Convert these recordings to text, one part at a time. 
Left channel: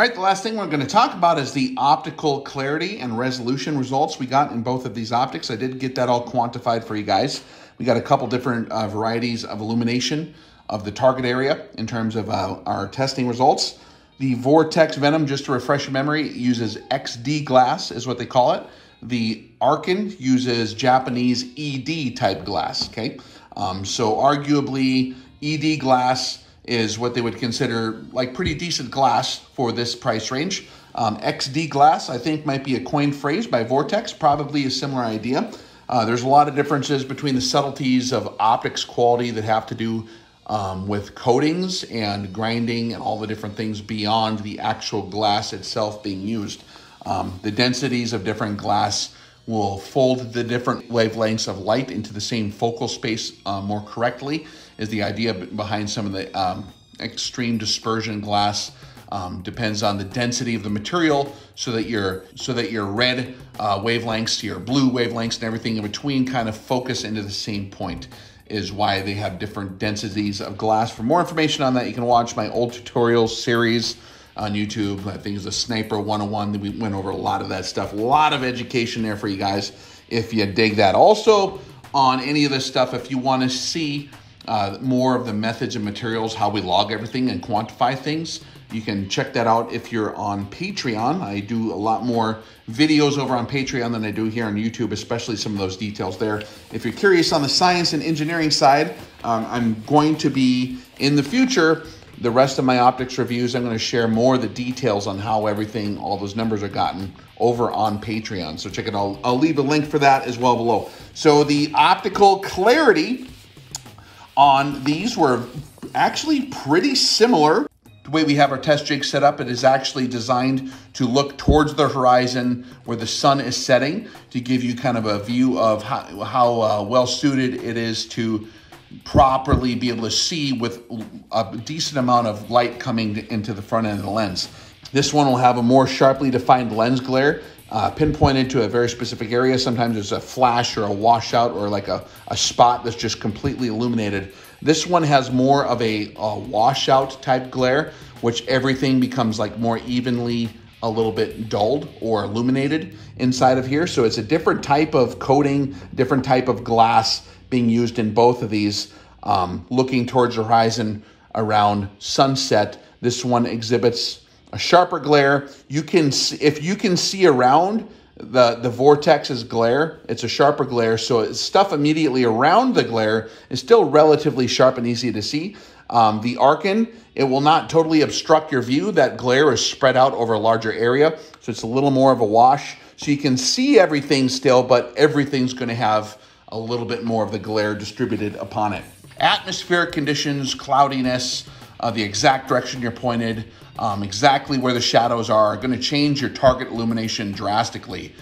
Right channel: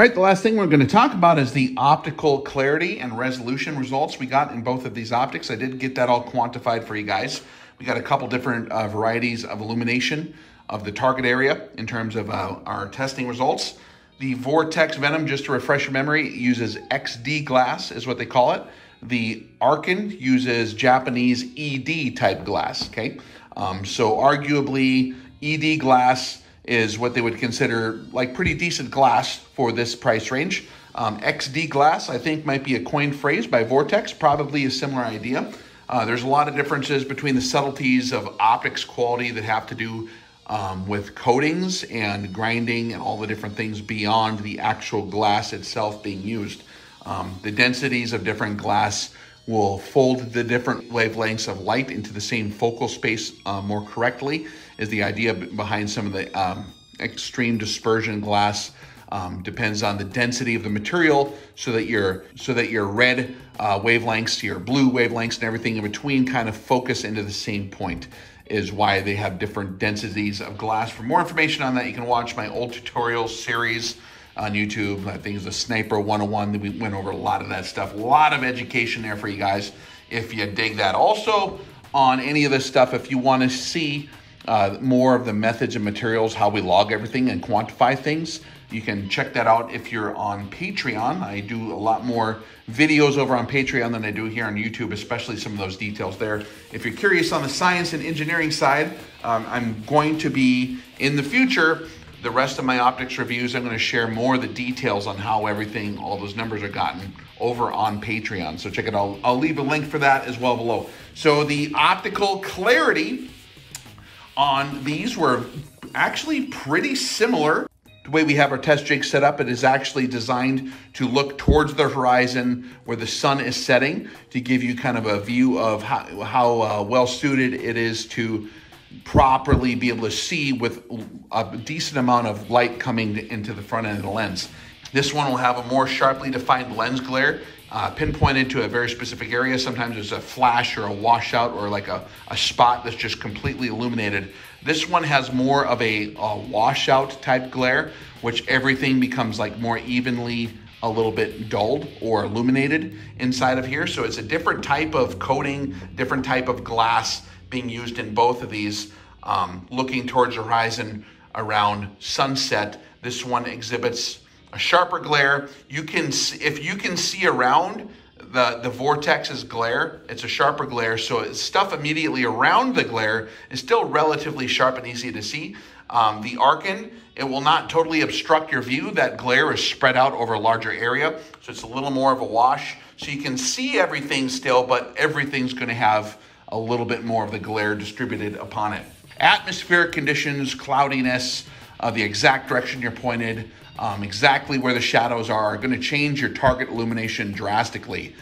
All right, the last thing we're going to talk about is the optical clarity and resolution results we got in both of these optics. I did get that all quantified for you guys. We got a couple different varieties of illumination of the target area in terms of our testing results. The Vortex Venom, just to refresh your memory, uses XD glass is what they call it. The Arken uses Japanese ED type glass, okay? So arguably ED glass is what they would consider like pretty decent glass for this price range. XD glass, I think, might be a coined phrase by Vortex, probably a similar idea. There's a lot of differences between the subtleties of optics quality that have to do with coatings and grinding and all the different things beyond the actual glass itself being used. The densities of different glass will fold the different wavelengths of light into the same focal space more correctly, is the idea behind some of the extreme dispersion glass. Depends on the density of the material so that your red wavelengths, your blue wavelengths and everything in between kind of focus into the same point, is why they have different densities of glass. For more information on that, you can watch my old tutorial series on YouTube. I think it's a Sniper 101. We went over a lot of that stuff. A lot of education there for you guys if you dig that. Also, on any of this stuff, if you want to see more of the methods and materials, how we log everything and quantify things, you can check that out if you're on Patreon. I do a lot more videos over on Patreon than I do here on YouTube, especially some of those details there. If you're curious on the science and engineering side, I'm going to be, in the future, the rest of my optics reviews, I'm going to share more of the details on how everything, all those numbers are gotten over on Patreon. So check it out. I'll leave a link for that as well below. So the optical clarity on these were actually pretty similar. The way we have our test jig set up, it is actually designed to look towards the horizon where the sun is setting to give you kind of a view of how well suited it is to properly be able to see with a decent amount of light coming into the front end of the lens. This one will have a more sharply defined lens glare, pinpointed to a very specific area. Sometimes it's a flash or a washout or like a spot that's just completely illuminated. This one has more of a washout type glare, which everything becomes like more evenly a little bit dulled or illuminated inside of here. So it's a different type of coating, different type of glass being used in both of these, looking towards the horizon around sunset. This one exhibits a sharper glare. You can see, if you can see around the Vortex's glare, it's a sharper glare. So stuff immediately around the glare is still relatively sharp and easy to see. The Arken, it will not totally obstruct your view. That glare is spread out over a larger area, so it's a little more of a wash. So you can see everything still, but everything's going to have a little bit more of the glare distributed upon it. Atmospheric conditions, cloudiness, the exact direction you're pointed, exactly where the shadows are going to change your target illumination drastically.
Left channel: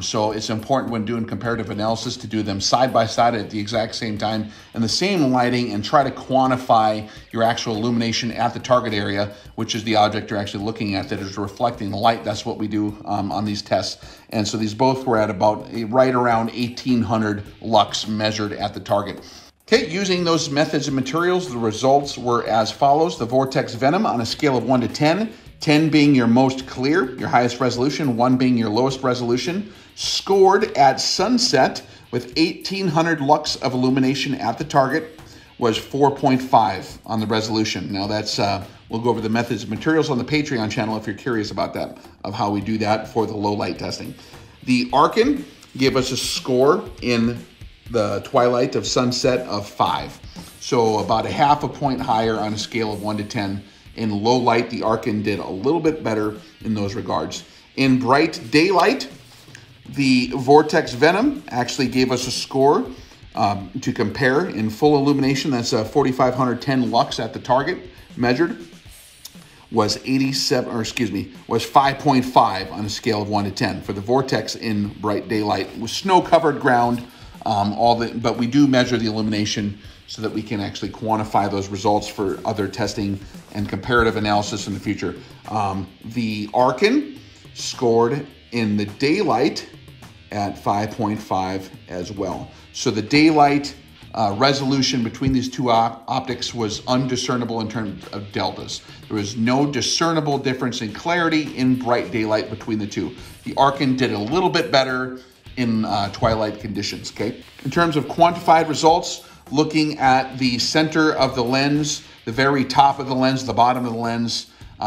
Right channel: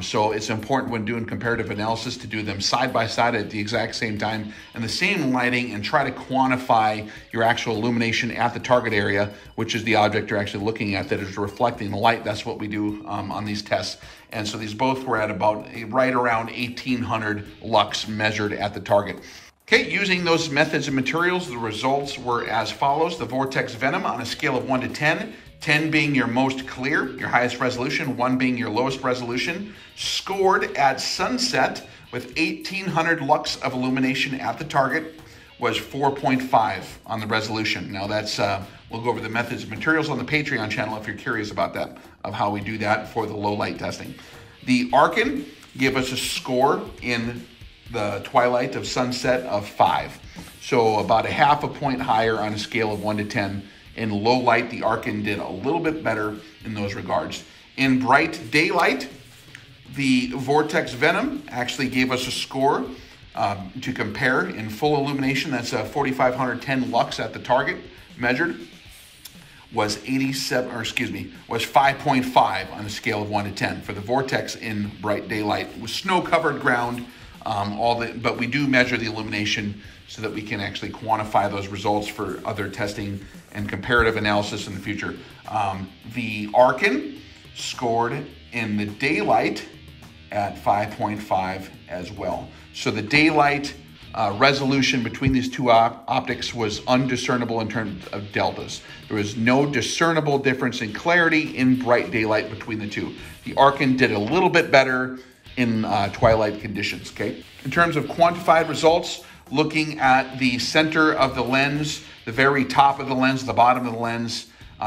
So it's important when doing comparative analysis to do them side by side at the exact same time and the same lighting, and try to quantify your actual illumination at the target area, which is the object you're actually looking at that is reflecting the light. That's what we do on these tests. And so these both were at about right around 1800 lux measured at the target. Okay, using those methods and materials, the results were as follows. The Vortex Venom on a scale of 1 to 10, 10 being your most clear, your highest resolution, 1 being your lowest resolution, scored at sunset with 1800 lux of illumination at the target, was 4.5 on the resolution. Now that's, we'll go over the methods and materials on the Patreon channel if you're curious about that, of how we do that for the low light testing. The Arken gave us a score in the twilight of sunset of 5. So about a half a point higher on a scale of 1 to 10. In low light, the Arken did a little bit better in those regards. In bright daylight, the Vortex Venom actually gave us a score to compare. In full illumination, that's 4,510 lux at the target measured, was 5.5 on a scale of 1 to 10 for the Vortex in bright daylight with snow-covered ground. But we do measure the illumination so that we can actually quantify those results for other testing and comparative analysis in the future. The Arken scored in the daylight at 5.5 as well. So the daylight resolution between these two optics was undiscernible in terms of deltas. There was no discernible difference in clarity in bright daylight between the two. The Arken did a little bit better in twilight conditions, okay? In terms of quantified results, looking at the center of the lens, the very top of the lens, the bottom of the lens,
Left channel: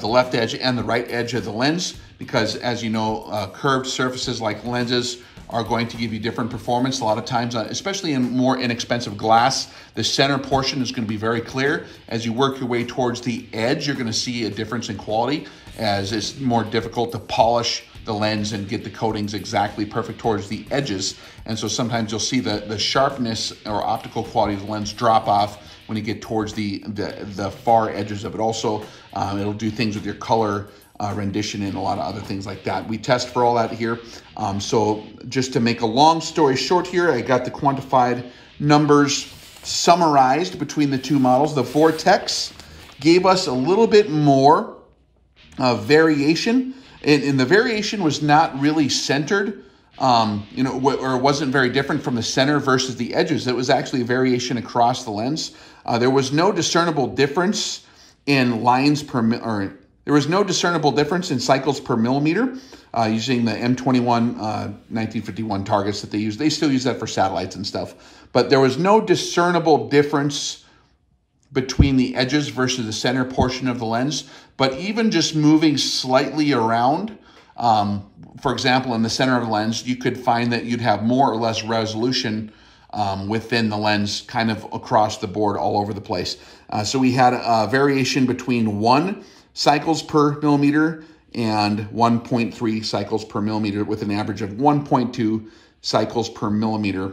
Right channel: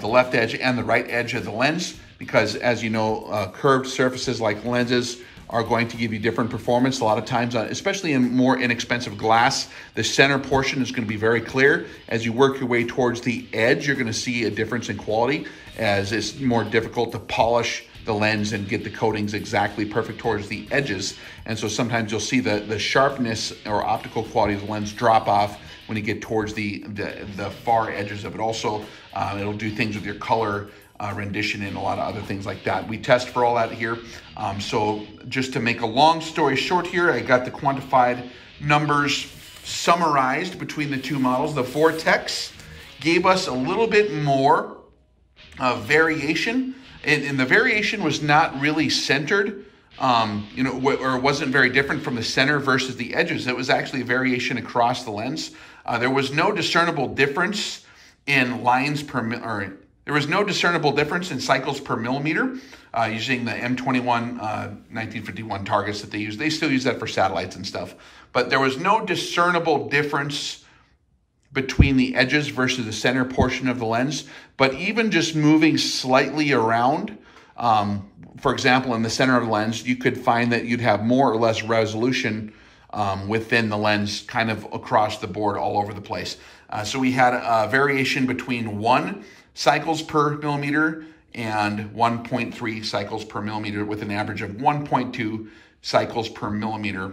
the left edge and the right edge of the lens, because as you know, curved surfaces like lenses are going to give you different performance. A lot of times, especially in more inexpensive glass, the center portion is going to be very clear. As you work your way towards the edge, you're going to see a difference in quality, as it's more difficult to polish the lens and get the coatings exactly perfect towards the edges. And so sometimes you'll see the sharpness or optical quality of the lens drop off when you get towards the far edges of it. Also, it'll do things with your color rendition and a lot of other things like that. We test for all that here. So just to make a long story short here, I got the quantified numbers summarized between the two models. The Vortex gave us a little bit more variation, and the variation was not really centered, you know, or wasn't very different from the center versus the edges. It was actually a variation across the lens. There was no discernible difference in lines per, or there was no discernible difference in cycles per millimeter using the M21 1951 targets that they use. They still use that for satellites and stuff. But there was no discernible difference between the edges versus the center portion of the lens. But even just moving slightly around, for example, in the center of the lens, you could find that you'd have more or less resolution within the lens, kind of across the board all over the place. So we had a variation between 1 cycles per millimeter and 1.3 cycles per millimeter, with an average of 1.2 cycles per millimeter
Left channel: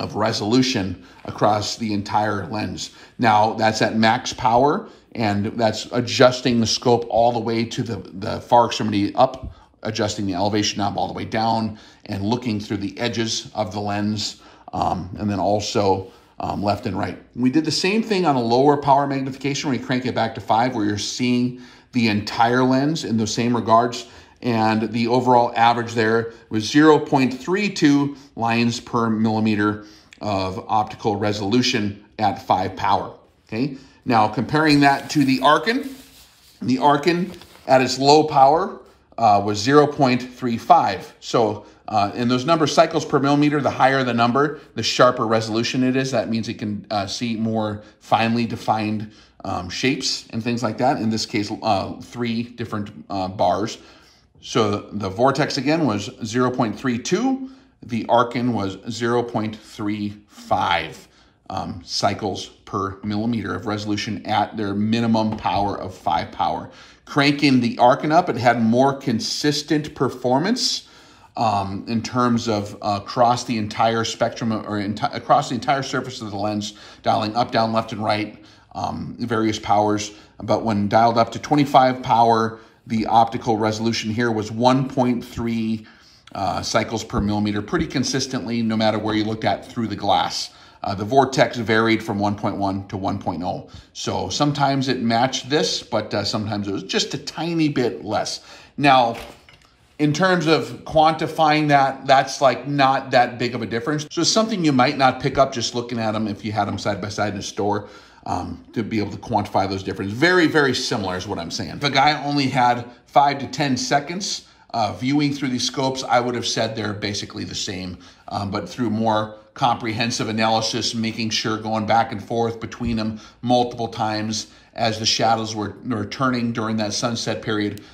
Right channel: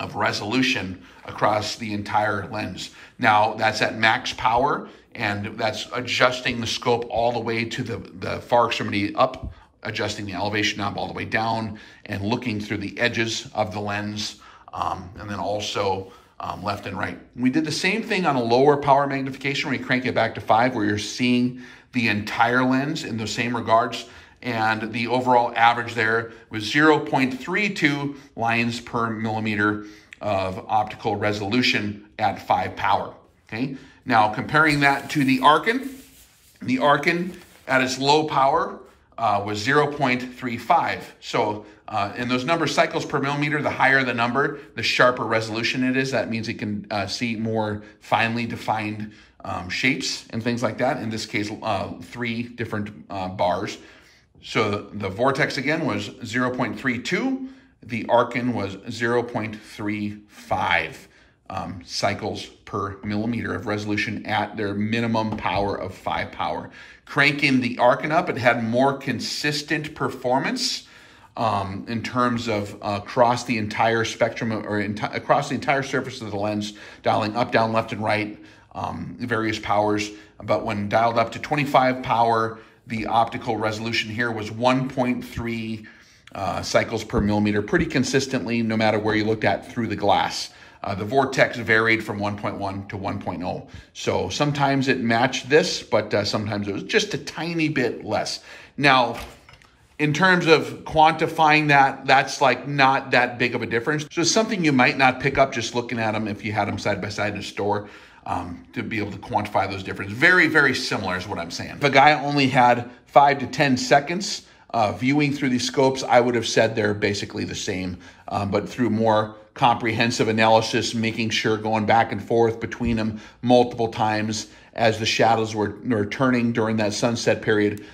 of resolution across the entire lens. Now, that's at max power, and that's adjusting the scope all the way to the far extremity up, adjusting the elevation knob all the way down, and looking through the edges of the lens, and then also left and right. We did the same thing on a lower power magnification when we crank it back to 5, where you're seeing the entire lens in those same regards. And the overall average there was 0.32 lines per millimeter of optical resolution at 5 power, okay? Now, comparing that to the Arken at its low power was 0.35. So, and those numbers, cycles per millimeter, the higher the number, the sharper resolution it is. That means it can see more finely defined shapes and things like that. In this case, 3 different bars. So the Vortex again was 0.32. The Arken was 0.35 cycles per millimeter of resolution at their minimum power of 5 power. Cranking the Arken up, it had more consistent performance in terms of across the entire spectrum, or across the entire surface of the lens, dialing up, down, left, and right, various powers. But when dialed up to 25 power, the optical resolution here was 1.3 cycles per millimeter, pretty consistently, no matter where you looked at through the glass. The Vortex varied from 1.1 to 1.0. So sometimes it matched this, but sometimes it was just a tiny bit less. Now, in terms of quantifying that, that's like not that big of a difference. So it's something you might not pick up just looking at them if you had them side by side in a store, to be able to quantify those differences. Very, very similar is what I'm saying. If a guy only had 5 to 10 seconds viewing through these scopes, I would have said they're basically the same, but through more comprehensive analysis, making sure going back and forth between them multiple times as the shadows were turning during that sunset period,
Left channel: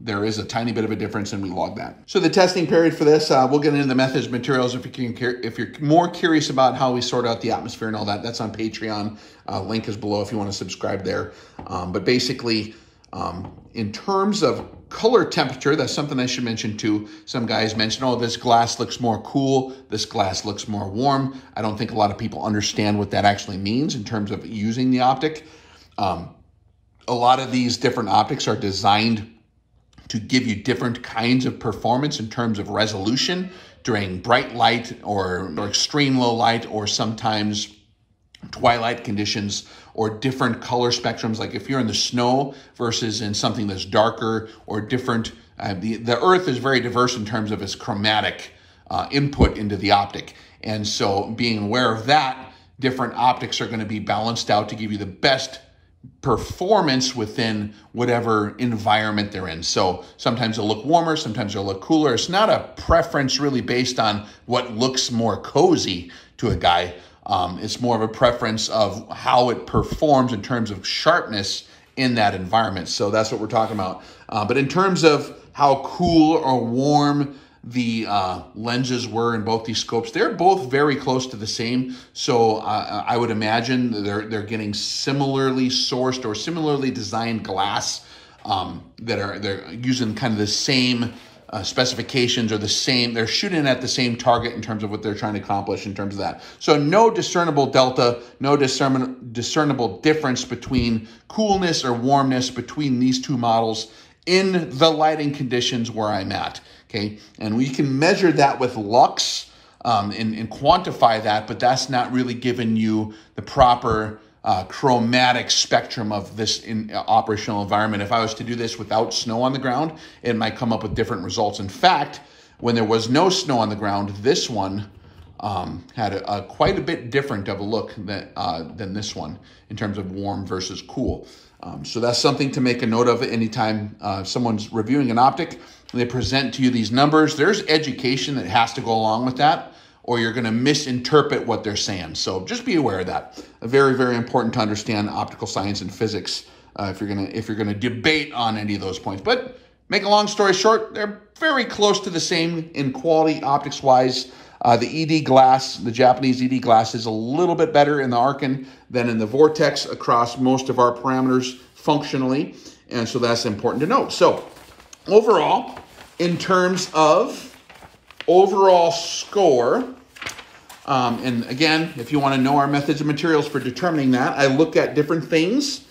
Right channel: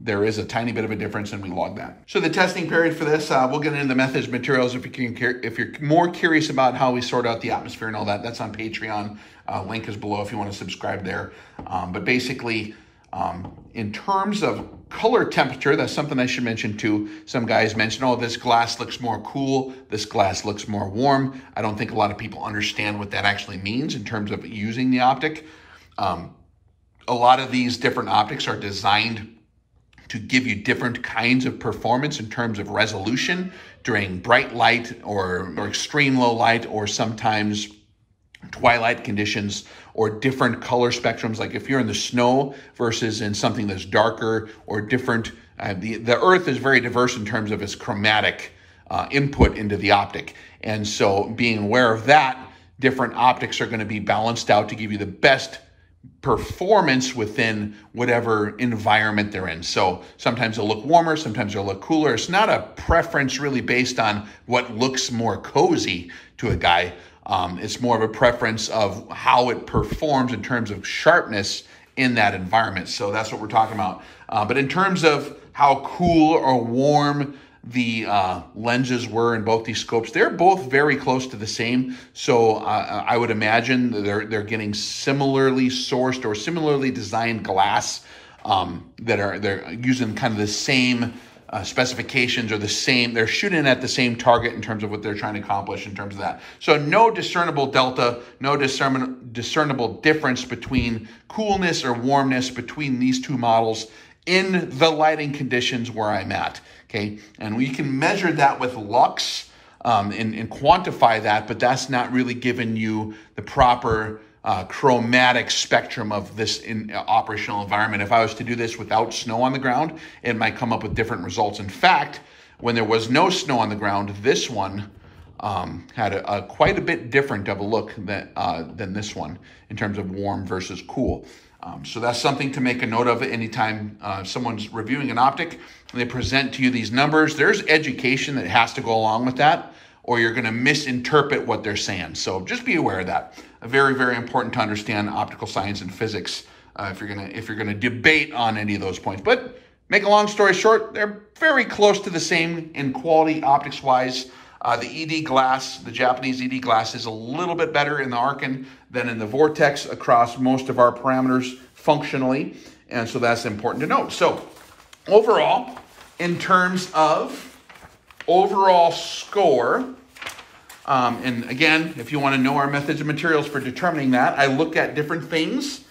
there is a tiny bit of a difference, and we log that. So the testing period for this, we'll get into the methods, materials. If you're more curious about how we sort out the atmosphere and all that, that's on Patreon. Link is below if you want to subscribe there. But basically, in terms of color temperature, that's something I should mention too. Some guys mention, oh, this glass looks more cool, this glass looks more warm. I don't think a lot of people understand what that actually means in terms of using the optic. A lot of these different optics are designed to give you different kinds of performance in terms of resolution during bright light or extreme low light, or sometimes twilight conditions, or different color spectrums. Like if you're in the snow versus in something that's darker or different. The Earth is very diverse in terms of its chromatic input into the optic. And so being aware of that, different optics are going to be balanced out to give you the best performance within whatever environment they're in. So sometimes they'll look warmer, sometimes they'll look cooler. It's not a preference really based on what looks more cozy to a guy. It's more of a preference of how it performs in terms of sharpness in that environment. So that's what we're talking about. But in terms of how cool or warm the lenses were in both these scopes, they're both very close to the same. So I would imagine they're getting similarly sourced or similarly designed glass they're using kind of the same specifications or the same, they're shooting at the same target in terms of what they're trying to accomplish in terms of that. So no discernible delta, no discernible difference between coolness or warmness between these two models in the lighting conditions where I'm at, okay? And we can measure that with lux and quantify that, but that's not really giving you the proper chromatic spectrum of this operational environment. If I was to do this without snow on the ground, it might come up with different results. In fact, when there was no snow on the ground, this one had quite a bit different of a look than this one in terms of warm versus cool. So that's something to make a note of anytime someone's reviewing an optic and they present to you these numbers. There's education that has to go along with that, or you're going to misinterpret what they're saying. So just be aware of that. Very, very important to understand optical science and physics if you're gonna debate on any of those points. But make a long story short, they're very close to the same in quality optics-wise. The ED glass, the Japanese ED glass, is a little bit better in the Arken than in the Vortex across most of our parameters functionally, and so that's important to note. So overall, in terms of overall score, and again, if you want to know our methods and materials for determining that, I look at different things.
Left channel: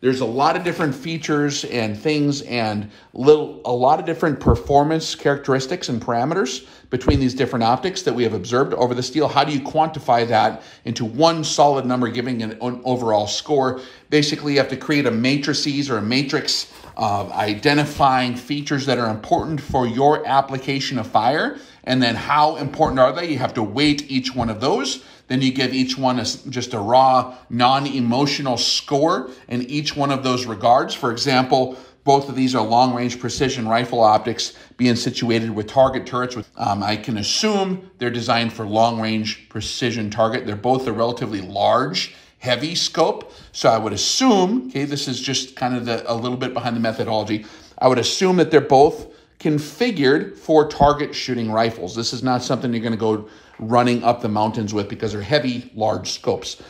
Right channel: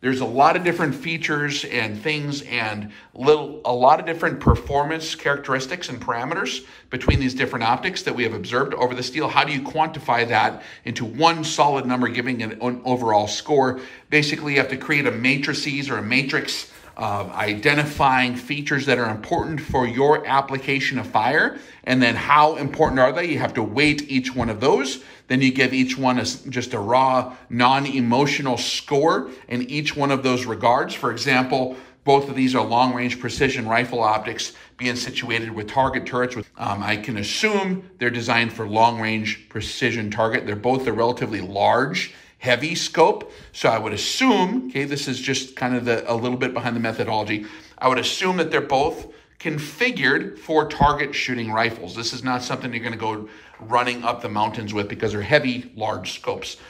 There's a lot of different features and things and a lot of different performance characteristics and parameters between these different optics that we have observed over the steel. How do you quantify that into one solid number giving an overall score? Basically, you have to create a matrices or a matrix of identifying features that are important for your application of fire, and then how important are they? You have to weight each one of those. Then you give each one just a raw, non-emotional score in each one of those regards. For example, both of these are long-range precision rifle optics being situated with target turrets. I can assume they're designed for long-range precision target. They're both a relatively large, heavy scope. So I would assume, okay, this is just kind of a little bit behind the methodology. I would assume that they're both configured for target shooting rifles. This is not something you're going to go running up the mountains with because they're heavy, large scopes.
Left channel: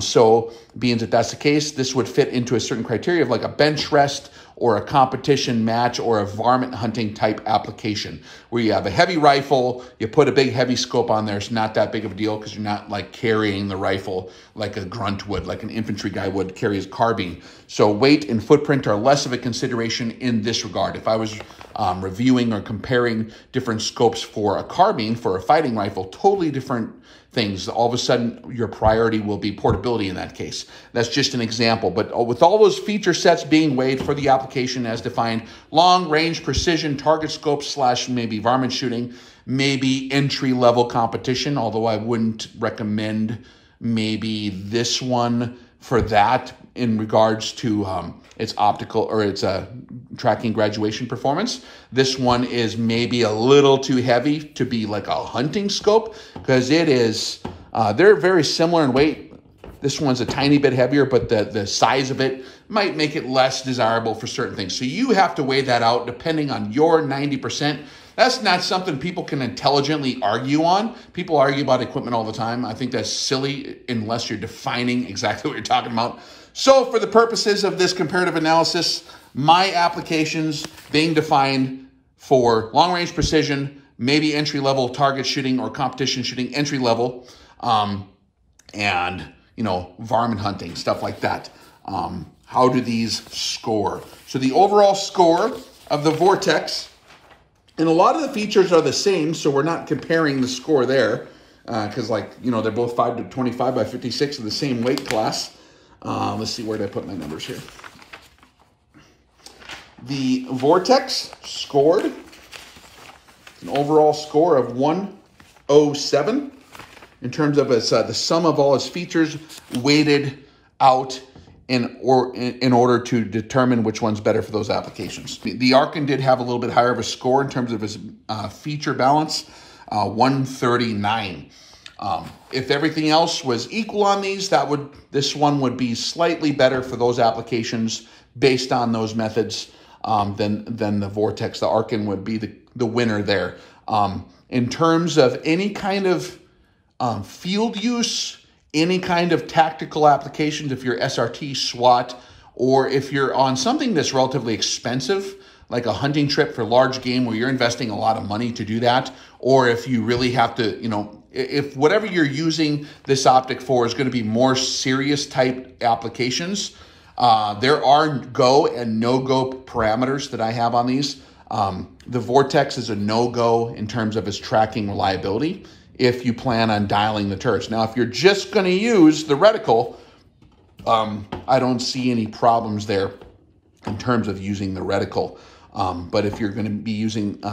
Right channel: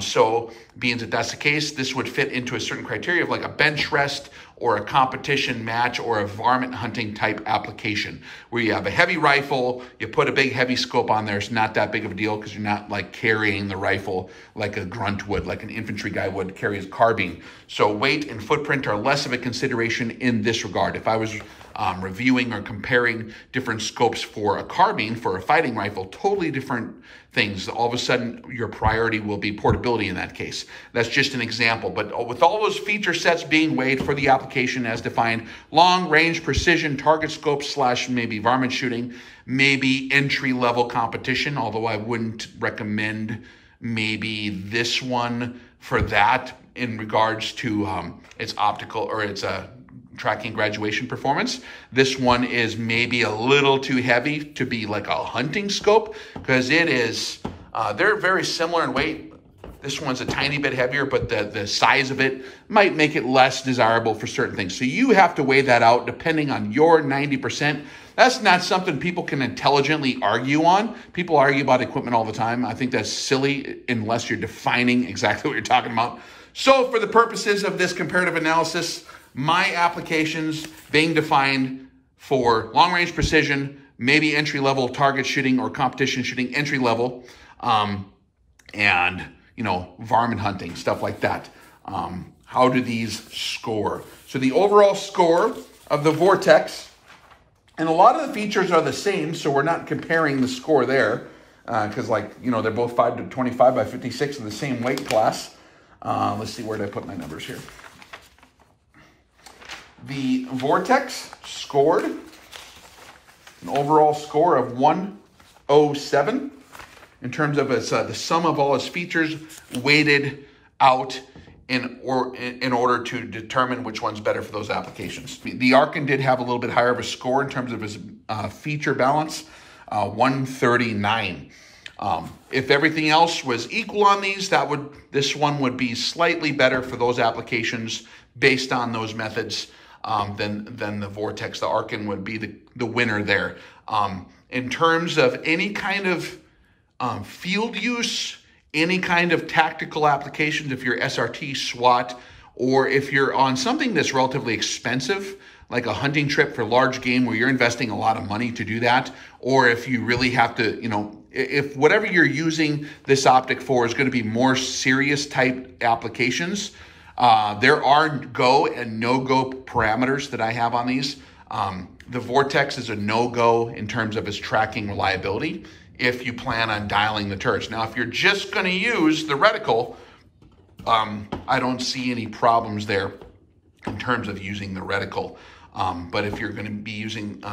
So being that that's the case, this would fit into a certain criteria of like a bench rest or a competition match or a varmint hunting type application where you have a heavy rifle, you put a big heavy scope on there. It's not that big of a deal because you're not like carrying the rifle like a grunt would, like an infantry guy would carry his carbine. So weight and footprint are less of a consideration in this regard. If I was reviewing or comparing different scopes for a carbine, for a fighting rifle, totally different things. All of a sudden, your priority will be portability in that case. That's just an example. But with all those feature sets being weighed for the application as defined, long-range precision target scope / maybe varmint shooting, maybe entry-level competition, although I wouldn't recommend maybe this one for that in regards to its optical or its tracking graduation performance. This one is maybe a little too heavy to be like a hunting scope because it is, they're very similar in weight. This one's a tiny bit heavier, but the size of it might make it less desirable for certain things. So you have to weigh that out depending on your 90%. That's not something people can intelligently argue on. People argue about equipment all the time. I think that's silly unless you're defining exactly what you're talking about. So for the purposes of this comparative analysis, my applications being defined for long-range precision, maybe entry-level target shooting or competition shooting, entry-level, and, you know, varmint hunting, stuff like that. How do these score? So the overall score of the Vortex, and a lot of the features are the same, so we're not comparing the score there, because, like, you know, they're both 5 to 25 by 56 in the same weight class. Let's see, where did I put my numbers here? The Vortex scored an overall score of 107. in terms of its, the sum of all its features weighted out in order to determine which one's better for those applications. The Arken did have a little bit higher of a score in terms of its feature balance, 139. If everything else was equal on these, this one would be slightly better for those applications based on those methods than the Vortex. The Arken would be the winner there. In terms of any kind of field use, any kind of tactical applications, if you're SRT, SWAT, or if you're on something that's relatively expensive, like a hunting trip for large game where you're investing a lot of money to do that, or if you really have to, if whatever you're using this optic for is going to be more serious type applications, there are go and no-go parameters that I have on these. The Vortex is a no-go in terms of its tracking reliability if you plan on dialing the turrets. Now, if you're just going to use the reticle, I don't see any problems there in terms of using the reticle. But if you're going to be using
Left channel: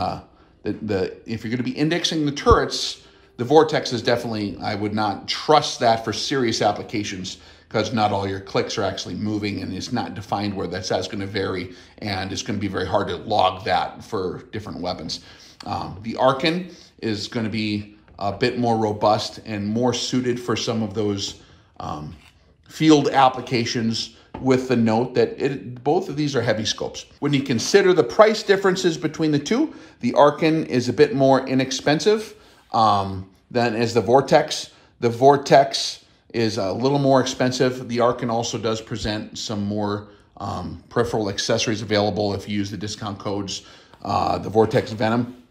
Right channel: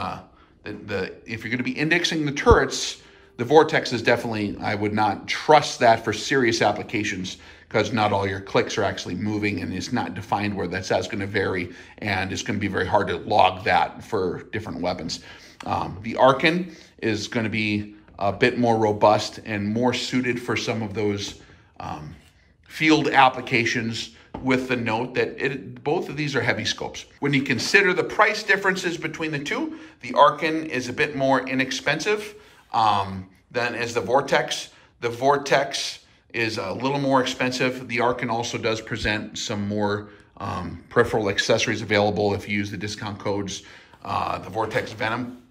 if you're going to be indexing the turrets, the Vortex is definitely, I would not trust that for serious applications, because not all your clicks are actually moving and it's not defined where that's going to vary, and it's going to be very hard to log that for different weapons. The Arken is going to be a bit more robust and more suited for some of those field applications, with the note that both of these are heavy scopes. When you consider the price differences between the two, the Arken is a bit more inexpensive than is the Vortex. The Vortex is a little more expensive. The Arken also does present some more peripheral accessories available if you use the discount codes. The Vortex Venom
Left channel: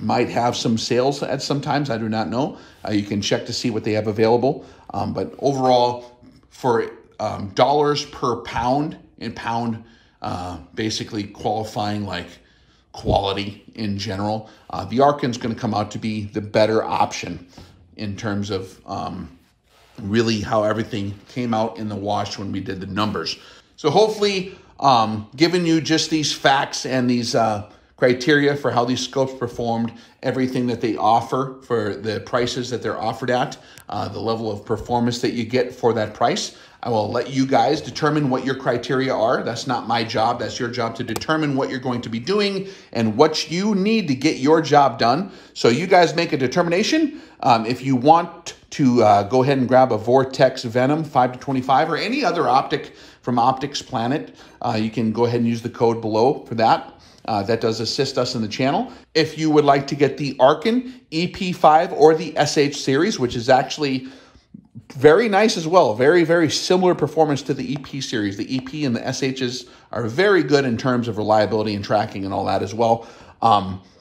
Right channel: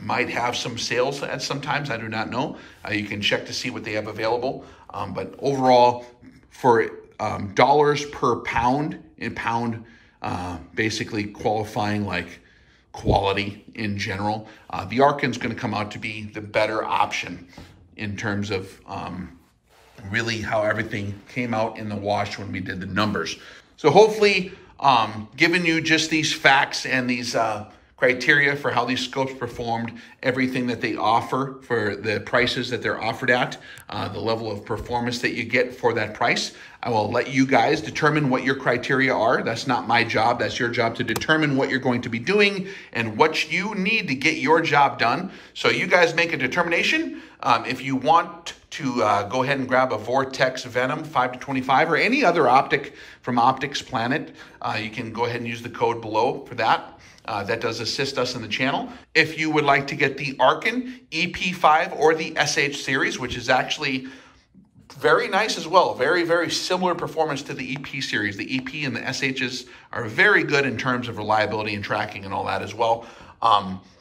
might have some sales at some times, I do not know. You can check to see what they have available. But overall, for dollars per pound, in pound basically qualifying like quality in general, the Arken's going to come out to be the better option in terms of really how everything came out in the wash when we did the numbers. So hopefully giving you just these facts and these criteria for how these scopes performed, everything that they offer for the prices that they're offered at, the level of performance that you get for that price. I will let you guys determine what your criteria are. That's not my job. That's your job to determine what you're going to be doing and what you need to get your job done. So you guys make a determination. If you want to go ahead and grab a Vortex Venom 5-25 or any other optic from Optics Planet, you can go ahead and use the code below for that. That does assist us in the channel. If you would like to get the Arken EP5 or the SH series, which is actually very nice as well. Very, very similar performance to the EP series. The EP and the SHs are very good in terms of reliability and tracking and all that as well.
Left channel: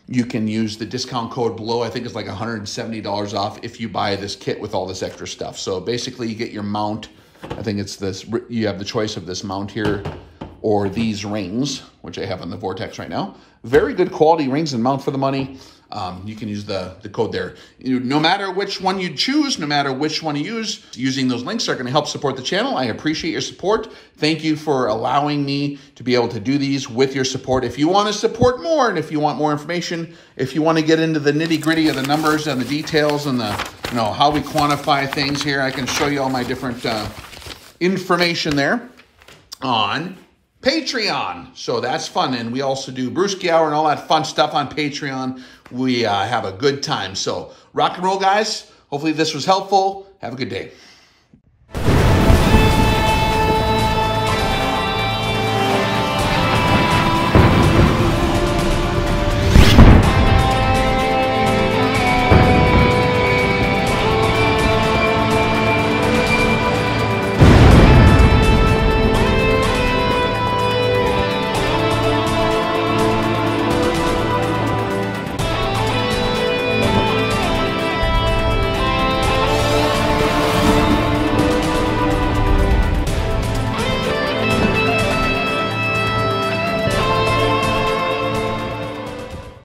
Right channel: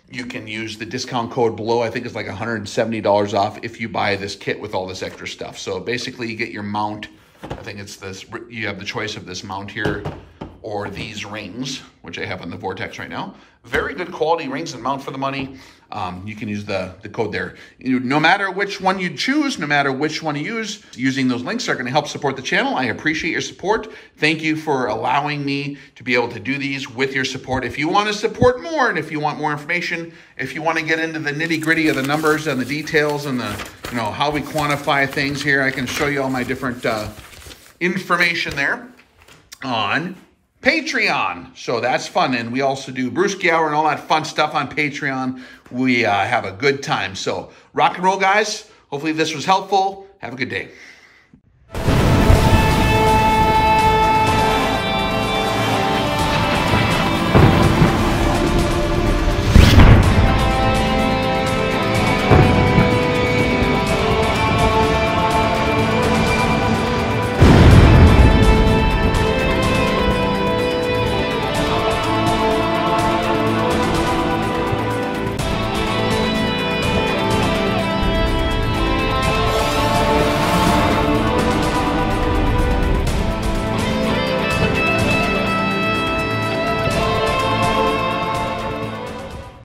You can use the discount code below. I think it's like $170 off if you buy this kit with all this extra stuff. So basically you get your mount. I think it's this, you have the choice of this mount here or these rings, which I have on the Vortex right now. Very good quality rings and mount for the money. You can use the code there. No matter which one you choose, no matter which one you use, using those links are going to help support the channel. I appreciate your support. Thank you for allowing me to be able to do these with your support. If you want to support more and if you want more information, if you want to get into the nitty-gritty of the numbers and the details and the, how we quantify things here, I can show you all my different information there on Patreon. So that's fun. And we also do Brewski Hour and all that fun stuff on Patreon. We have a good time. So rock and roll, guys. Hopefully this was helpful. Have a good day.